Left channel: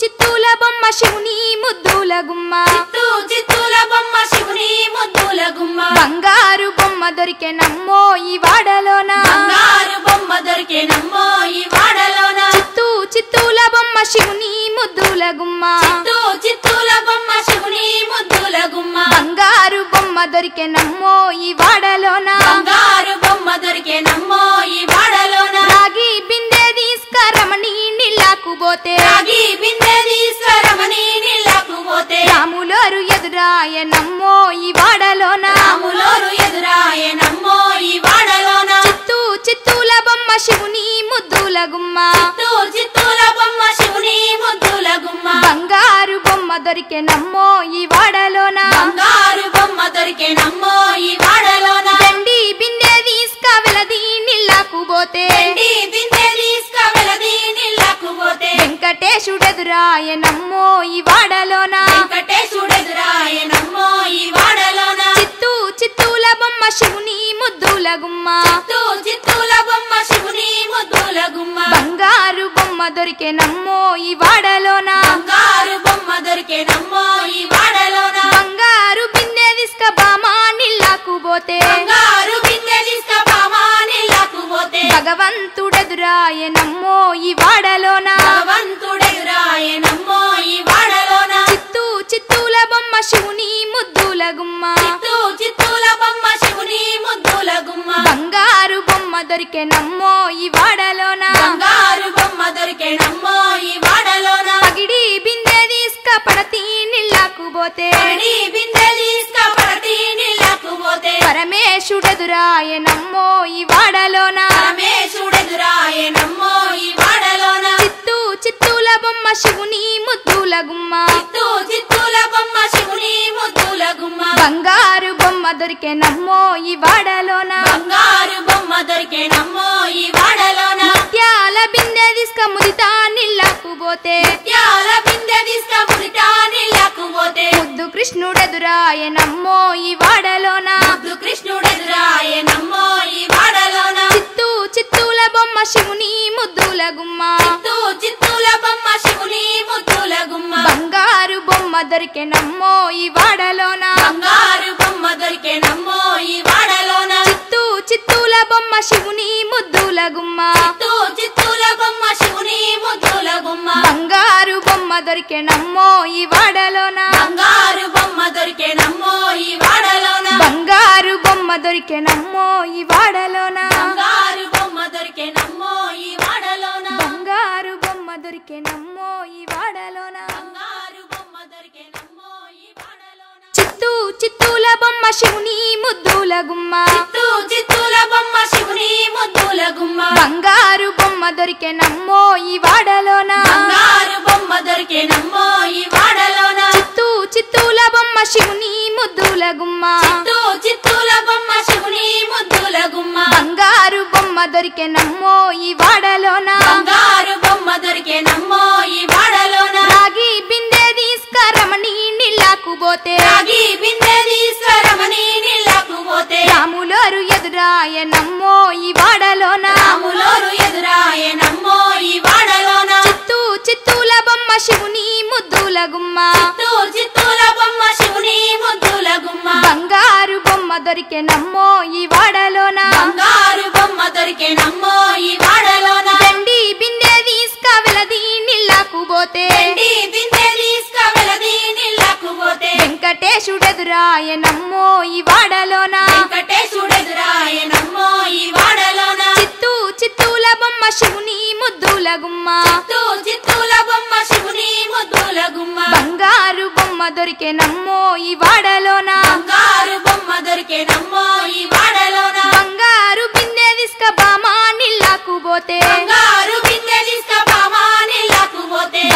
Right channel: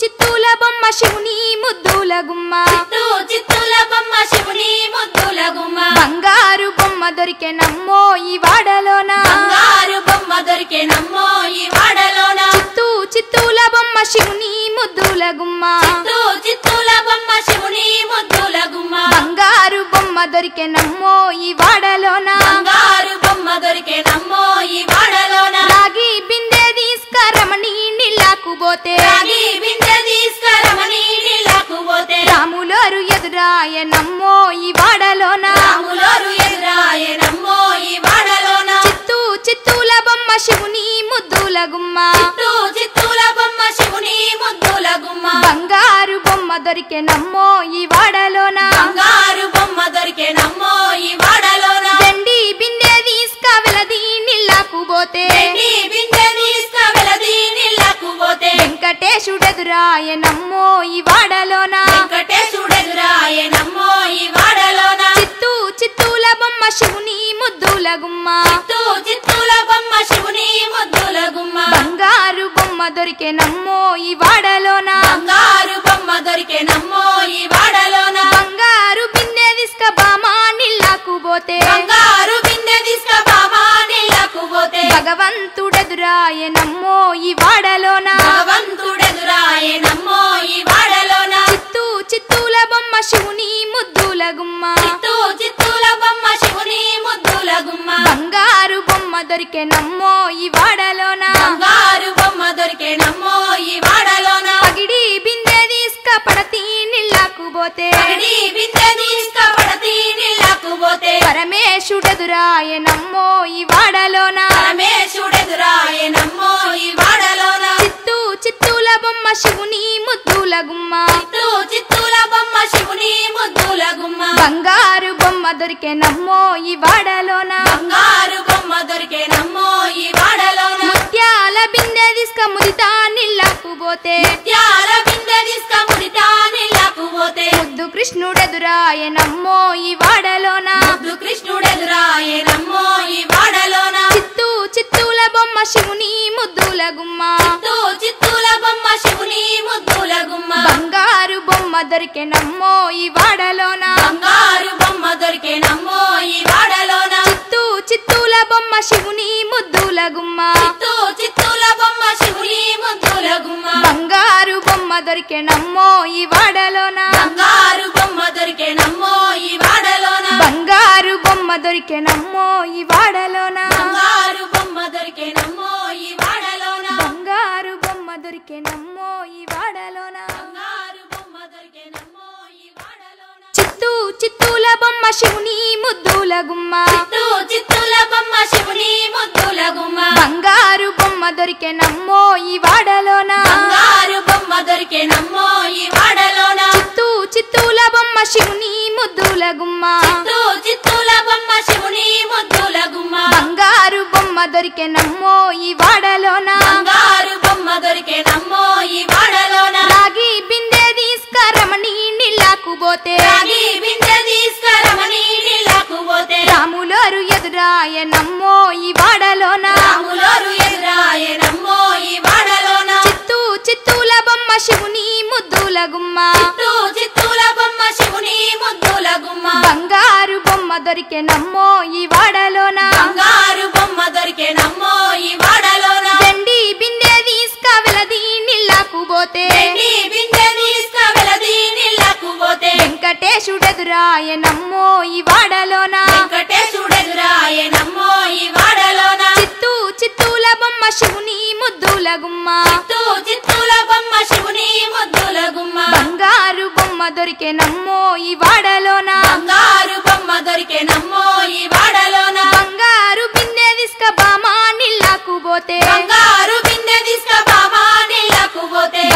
చిత్తూల బొమ్మ శివుని ముద్దుల గుమ్మ చిత్తూల బొమ్మ శివుని ముద్దుల గుమ్మ బంగారు బొమ్మ దొరికే నమ్మో ఈ వాడలోన బంగారు బొమ్మ దొరికే నమ్మో ఈ వాడలోన చిత్తూల బొమ్మ శివుని ముద్దుల గుమ్మ చిత్తూల బొమ్మ శివుని ముద్దుల గుమ్మ బంగారు బొమ్మ దొరికే నమ్మో ఈ వాడలోన బంగారు బొమ్మ దొరికే నమ్మో ఈ వాడలోన రాగి బిందె తీసుకరమణి నీళ్ళకు పోతే రాగి బిందె తీసుకరమణి నీళ్ళకు పోతే రాములోరు ఎదురాయ నమ్మో ఈ వాడలోన రాములోరు ఎదురాయ నమ్మో ఈ వాడలోన చిత్తూల బొమ్మ శివుని ముద్దుల గుమ్మ చిత్తూల బొమ్మ శివుని ముద్దుల గుమ్మ బంగారు బొమ్మ దొరికే నమ్మో ఈ వాడలోన బంగారు బొమ్మ దొరికే నమ్మో ఈ వాడలోన వెండి బిందె తీసుక వెలది నీళ్ళకు పోతే వెండి బిందె తీసుక వెలది నీళ్ళకు పోతే వెంకటేశుడెదురాయ నమ్మో ఈ వాడలోన వెంకటేశుడెదురాయ నమ్మో ఈ వాడలోన చిత్తూల బొమ్మ శివుని ముద్దుల గుమ్మ చిత్తూల బొమ్మ శివుని ముద్దుల గుమ్మ బంగారు బొమ్మ దొరికే నమ్మో ఈ వాడలోన బంగారు బొమ్మ దొరికే నమ్మో ఈ వాడలోన బంగారు బిందె తీసుక బామా నీళ్ళకు పోతే బంగారు బిందె తీసుక బామా నీళ్ళకు పోతే భగవంతుడెదురాయ నమ్మో ఈ వాడలోన భగవంతుడెదురాయ నమ్మో ఈ వాడలోన చిత్తూల బొమ్మ శివుని ముద్దుల గుమ్మ చిత్తూల బొమ్మ శివుని ముద్దుల గుమ్మ బంగారు బొమ్మ దొరికే నమ్మో ఈ వాడలోన బంగారు బొమ్మ దొరికే నమ్మో ఈ వాడలోన పగిడి బిందె తీసుక పడతి నీళ్ళకు పోతే పడి బిందె తీసుక పడతి నీళ్ళకు పోతే పరమేశుడెదురాయ నమ్మో ఈ వాడలోన పరమేశుడెదురాయ నమ్మో ఈ వాడలోన చిత్తూల బొమ్మ శివుని ముద్దుల గుమ్మ చిత్తూల బొమ్మ శివుని ముద్దుల గుమ్మ బంగారు బొమ్మ దొరికే నమ్మో ఈ వాడలోన బంగారు బొమ్మ దొరికే నమ్మో ఈ వాడలోన ముత్యాల బిందె తీసుక ముదితా నీళ్ళకు పోతే ముత్యాల బిందె తీసుక ముదితా నీళ్ళకు పోతే ముద్దు కృష్ణుడెదురాయ నమ్మో ఈ వాడలోన కృష్ణుడెదురాయ నమ్మో ఈ వాడలోన చిత్తూల బొమ్మ శివుని ముద్దుల గుమ్మ చిత్తూల బొమ్మ శివుని ముద్దుల గుమ్మ బంగారు బొమ్మ దొరికే నమ్మో ఈ వాడలోన బంగారు బొమ్మ దొరికే నమ్మో ఈ వాడలోన చిత్తూల బొమ్మ శివుని ముద్దుల గుమ్మ చిత్తూల బొమ్మ శివుని ముద్దుల గుమ్మ బంగారు బొమ్మ దొరికే నమ్మో ఈ వాడలోన బంగారు బొమ్మ దొరికే నమ్మో ఈ వాడలోన బంగారు బొమ్మ దొరికే నమ్మో ఈ వాడలోన బంగారు బొమ్మ దొరికే నమ్మో ఈ వాడలోన బంగారు బొమ్మ దొరికే నమ్మో ఈ వాడలోన బంగారు బొమ్మ దొరికే నమ్మో ఈ వాడలోన చిత్తూల బొమ్మ శివుని ముద్దుల గుమ్మ చిత్తూల బొమ్మ శివుని ముద్దుల గుమ్మ బంగారు బొమ్మ దొరికే నమ్మో ఈ వాడలోన బంగారు బొమ్మ దొరికే నమ్మో ఈ వాడలోన చిత్తూల బొమ్మ శివుని ముద్దుల గుమ్మ చిత్తూల బొమ్మ శివుని ముద్దుల గుమ్మ బంగారు బొమ్మ దొరికే నమ్మో ఈ వాడలోన బంగారు బొమ్మ దొరికే నమ్మో ఈ వాడలోన రాగి బిందె తీసుకరమణి నీళ్ళకు పోతే రాగి బిందె తీసుకరమణి నీళ్ళకు పోతే రాములోరు ఎదురాయ నమ్మో ఈ వాడలోన రాములోరు ఎదురాయ నమ్మో ఈ వాడలోన చిత్తూల బొమ్మ శివుని ముద్దుల గుమ్మ చిత్తూల బొమ్మ శివుని ముద్దుల గుమ్మ బంగారు బొమ్మ దొరికే నమ్మో ఈ వాడలోన బంగారు బొమ్మ దొరికే నమ్మో ఈ వాడలోన వెండి బిందె తీసుక వెలది నీళ్ళకు పోతే వెండి బిందె తీసుక వెలది నీళ్ళకు పోతే వెంకటేశుడెదురాయ నమ్మో ఈ వాడలోన వెంకటేశుడెదురాయ నమ్మో ఈ వాడలోన చిత్తూల బొమ్మ శివుని ముద్దుల గుమ్మ చిత్తూల బొమ్మ శివుని ముద్దుల గుమ్మ బంగారు బొమ్మ దొరికే నమ్మో ఈ వాడలోన బంగారు బొమ్మ దొరికే నమ్మో ఈ వాడలోన బంగారు బిందె తీసుక బామా నీళ్ళకు పోతే బంగారు